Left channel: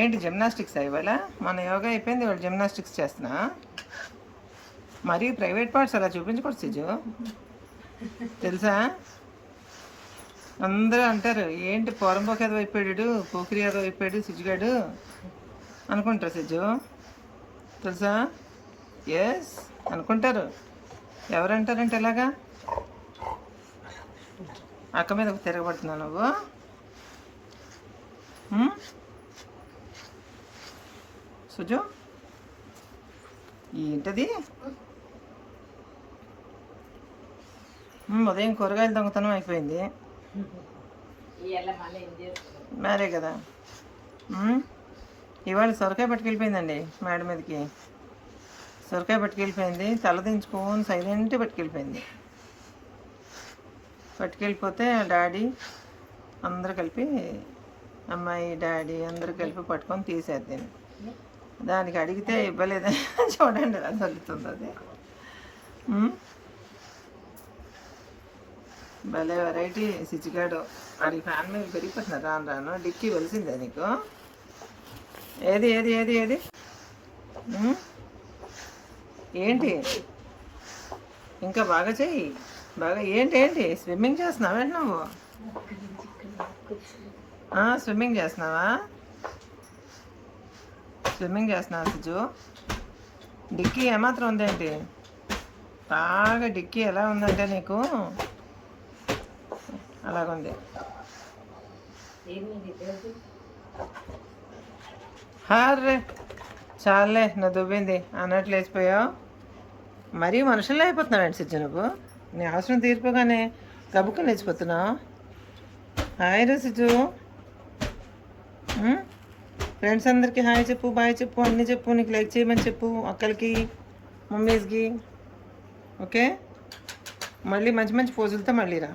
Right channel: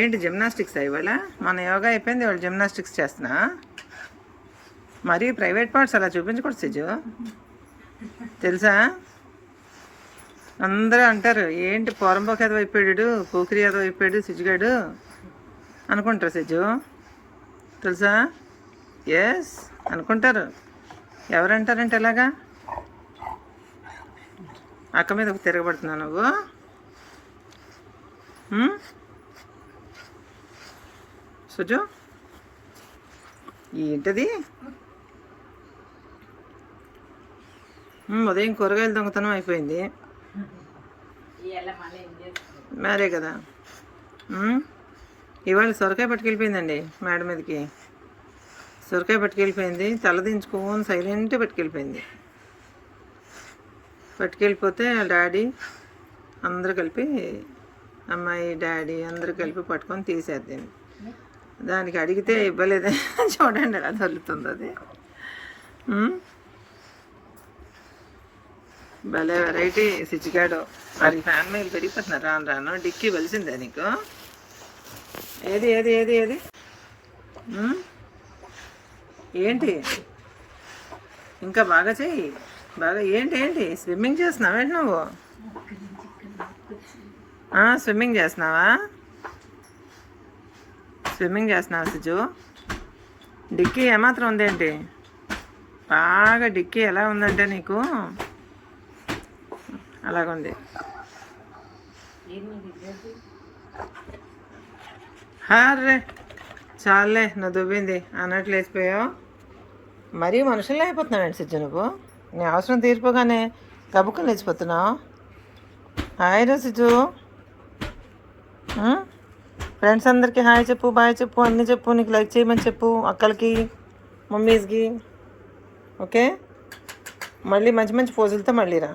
ఏంటి జిమ్నాస్టిక్స్ ఇవాళ? మన యోగా అయిపోయింది, వాళ్ళు జిమ్నాస్టిక్స్ చేస్తున్నా. మరీ ప్రైవేట్ పార్ట్స్ అలా చూపించకూడదు సిజు, తెలుసా? అందరూ అంటారు ఏంటి పోరంబోకి ఏదో అయిపోయాడు, పోకిరి ఏదో అయిపోయాడు సిజుగాడు అనుకుంటారు సిజు, తెలుసా? ఎస్ అనుకుంటారు. ఎవరంటారంటే ఎలాగా? అక్క మీద తిరగబడుతున్నావు నువ్వు. సుజు ఏంటది? ఉదయం కూరగాయలు దొంగతనం అయిపోయింది మరే కదా. ఇవాళ సొరకాయ పట్టుకెళ్ళిపోయిందండి మేడం మీదకి. సొరకాయ పట్టుకెళ్ళిపోయింది, తలదించుకొని సైలెంట్గా పట్టుకెళ్ళిపోయింది. పట్టుకెళ్ళిపోతే డాడీ అందరూ కలిపి, అమ్మాయి డాడీ అందరూ కలిపి పట్టుకొని తీసేద్దండి. దానికి అడిగితే ఇవ్వలేదని చూడండి ఎలా తగ్గుతుంది అది. భలే వెరైటీ సిచ్చిగాడు. అది ఫ్యాన్ మీద పెరిగిపోతున్నారు రాను రాను. డిక్కీ వలిసిందే నీకు? ఏది ఏది ఏది ఏది ఏంటి? ఇంకా బాగా చెయ్యి, బాగా. ఏంటి ఏంటి స్విమ్మింగ్ చేస్తున్నావు ఏంటి నువ్వు? స్విమ్మింగ్ చేస్తున్నావా? స్విమ్మింగ్ చేస్తున్నావా సిజు? డిక్కీ ఏమాత్రం ఉందేంటి? బాగా డిక్కీ ఎలా ఉందంటే నీకు అలాగుంది. హర్రే చాలే, నువ్వు దువ్వింది అన్నట్లు లేచిపోయావు. మరీ మనుషుల్లో అయిపోతున్నావు ఏంటి సిజ్జు నువ్వు? నీ అవసరం తీరిపోగానే గబుక్కని లేచిపోతున్నావు. హాయ్ రా సిజ్జు. ఫ్రెండ్స్ అందరికీ హాయ్ చెప్పు, బాయ్ చెప్పు, అన్నీ చెప్పు. నీకు లైక్ చేయమని చెప్పు అక్కలకి, మమ్మీస్కి. ఓకే, మళ్ళీ మంచి మంచి పోజులతో మళ్ళీ రా.